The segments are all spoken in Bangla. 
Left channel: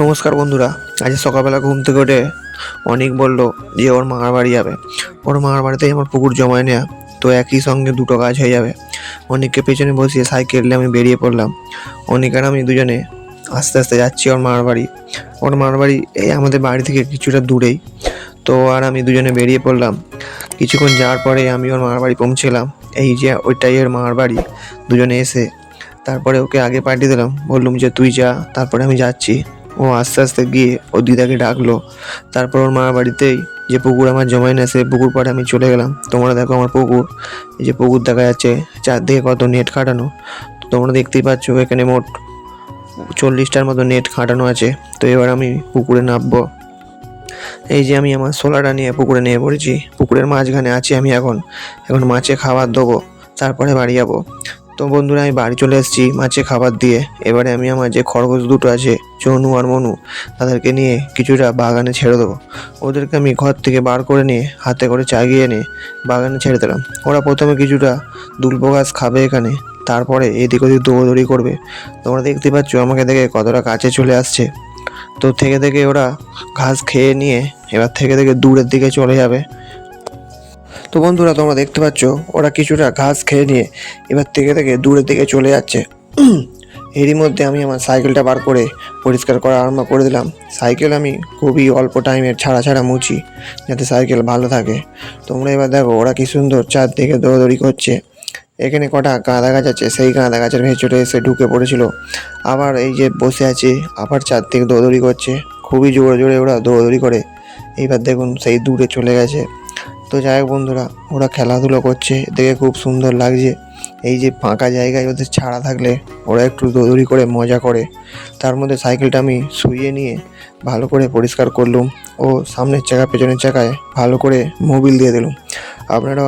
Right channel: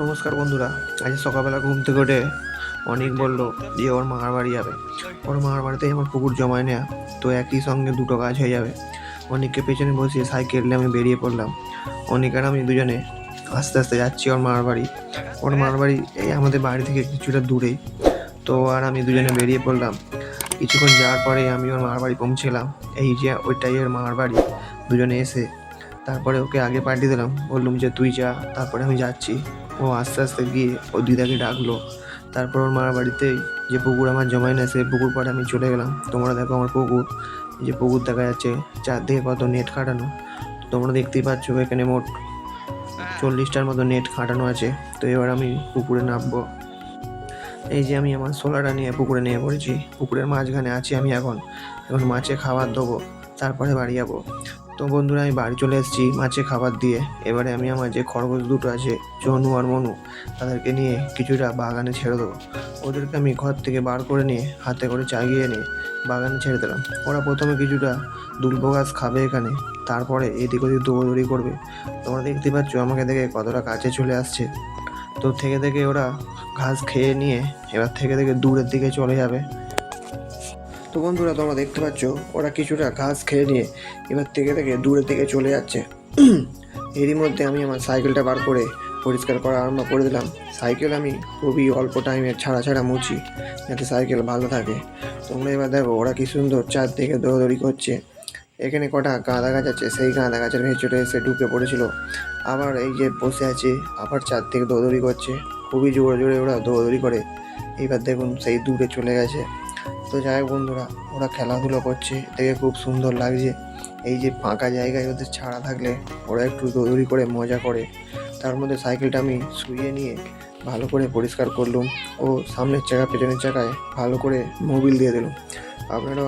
নমস্কার বন্ধুরা। আজ সকালবেলা ঘুম থেকে উঠে অনেক বলল যে ওর মামার বাড়ি যাবে। ওর মামার বাড়িতেই আমার পুকুর জমায় নেওয়া, তো একই সঙ্গে দুটো কাজ হয়ে যাবে। অনেককে পেছনে বসিয়ে সাইকেলে আমি বেরিয়ে পড়লাম। অনেক আর আমি দুজনে আস্তে আস্তে যাচ্ছি ওর মামার বাড়ি। ওর মামার বাড়ি এই আমাদের বাড়ি থেকে কিছুটা দূরেই। তো আর আমি দুজনে বেরিয়ে পড়লাম। কিছুক্ষণ যাওয়ার পরে আমি ওর মামার বাড়ি পৌঁছলাম। এই যে ওইটাই ওর মামার বাড়ি। দুজনে এসে তারপরে ওকে আগে পাঠিয়ে দিলাম, বললাম যে তুই যা, তারপরে আমি যাচ্ছি। ও আস্তে আস্তে গিয়ে ও দিদাকে ডাকলো। তারপর ওর মামার বাড়িতেই যে পুকুর আমার জমায় না, সেই পুকুর পাড়ে আমি চলে গেলাম। তোমরা দেখো আমার পুকুর, এই যে পুকুর দেখা যাচ্ছে, চারদিকে কত নেট খাটানো। তো তোমরা দেখতেই পাচ্ছ এখানে মোট 40টার মতো নেট খাটানো আছে। তো এবার আমি পুকুরে নামবো। এই যে আমি আমার সোলাটা নিয়ে পুকুরে নিয়ে পড়েছি। পুকুরের মাঝখানে আছি আমি এখন মাছে খাবার দেবো, তারপরে বাড়ি যাবো। তো বন্ধুরা, আমি বাড়ি চলে এসেছি মাছে খাবার দিয়ে। এবারে আমি আমার যে খরগোশ দুটো আছে, চনু আর মনু, তাদেরকে নিয়ে কিছুটা বাগানে ছেড়ে দেবো। ওদেরকে আমি ঘর থেকে বার করে নিয়ে হাতে করে চাগিয়ে এনে বাগানে ছেড়ে দিলাম। ওরা প্রথমে কিছুটা দুলপো ঘাস খাবে এখানে, তারপরে এদিক ওদিক দৌড়দৌড়ি করবে। তোমরা দেখতে পাচ্ছ আমাকে দেখে কতটা কাছে চলে আসছে। তো থেকে থেকে ওরা ঘাস খেয়ে নিয়ে এবার থেকে থেকে দূরের দিকে চলে যাবে। তো বন্ধুরা, তোমরা দেখতে পাচ্ছ ওরা কিছুটা ঘাস খেয়ে নিয়ে এবার থেকে থেকে দূরের দিকে চলে যাচ্ছে। এরই মধ্যে আমি আমার সাইকেলটা বার করে পরিষ্কার করা আরম্ভ করে দিলাম। সাইকেল আমি খুবই অল্প টাইমের ছাড়া মুছি, যাতে সাইকেল ভালো থাকে। তোমরা এবার দেখো ওরা কি সুন্দর চারদিকে দৌড়দৌড়ি করছে। এখানে কটা গাঁদা গাছ আছে, সেই গাঁদা গাছের ভেতরে এসে ঢুকে পড়েছিল। আবার এই যে বসে আছে, আবার চারদিকে দৌড়দৌড়ি করছে। খুবই জোরে জোরে ওরা দৌড়দৌড়ি করে। এইবার দেখুন সেই দূরে চলে গেছে। তো যাই হোক বন্ধুরা, ওরা খেলাধুলো করছে, দেখে খুব সুন্দর লাগছে। এই যে ফাঁকা জায়গায় ওদের ছাড়া থাকলে ওরা একটু দৌড়দৌড়ি করে মজা করে। তার মধ্যে সাইকেলটা আমি শুইয়ে নিয়ে ভালো করে পরিষ্কার করলুম ও সামনের চাকা পেছনের চাকায় ভালো করে মোবিল দিয়ে দিলাম। আপনারাও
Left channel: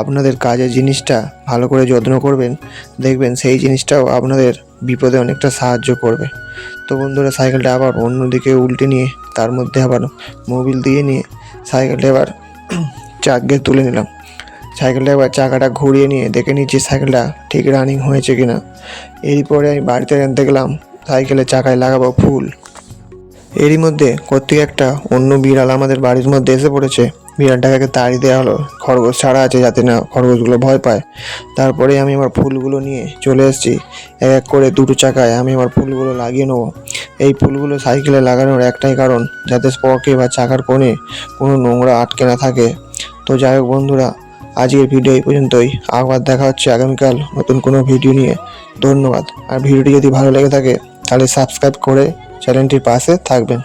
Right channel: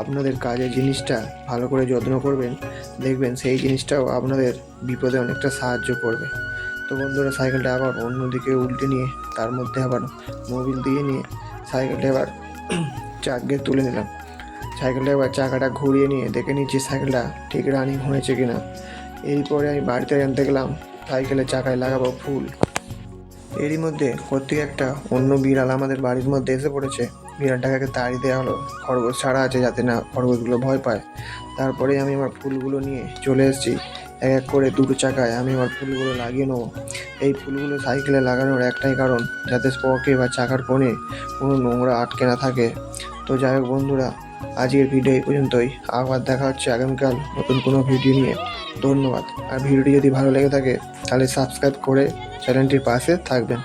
আপনাদের কাজের জিনিসটা ভালো করে যত্ন করবেন, দেখবেন সেই জিনিসটাও আপনাদের বিপদে অনেকটা সাহায্য করবে। তো বন্ধুরা, সাইকেলটা আবার অন্যদিকে উল্টে নিয়ে তার মধ্যে আবার মোবিল দিয়ে নিয়ে সাইকেলটা এবার চাকে তুলে নিলাম। সাইকেলটা এবার চাকাটা ঘুরিয়ে নিয়ে দেখে নিচ্ছি সাইকেলটা ঠিক রানিং হয়েছে কিনা। এরপরে আমি বাড়িতে আনতে গেলাম, সাইকেলের চাকায় লাগাবো ফুল। এরই মধ্যে কোত্থেকে একটা অন্য বিড়াল আমাদের বাড়ির মধ্যে এসে পড়েছে। বিড়ালটাকে তাড়িয়ে দেওয়া হলো, খরগোশ ছাড়া আছে যাতে না খরগোশগুলো ভয় পায়। তারপরে আমি আমার ফুলগুলো নিয়ে চলে এসেছি। এক এক করে দুটো চাকায় আমি আমার ফুলগুলো লাগিয়ে নেবো। এই ফুলগুলো সাইকেলে লাগানোর একটাই কারণ, যাতে স্পকে বা চাকার কোণে কোনো নোংরা আটকে না থাকে। তো যাই হোক বন্ধুরা, আজকের ভিডিও এই পর্যন্তই। আবার দেখা হচ্ছে আগামীকাল নতুন কোনো ভিডিও নিয়ে। ধন্যবাদ। আর ভিডিওটি যদি ভালো লেগে থাকে তাহলে সাবস্ক্রাইব করে চ্যানেলটির পাশে থাকবেন।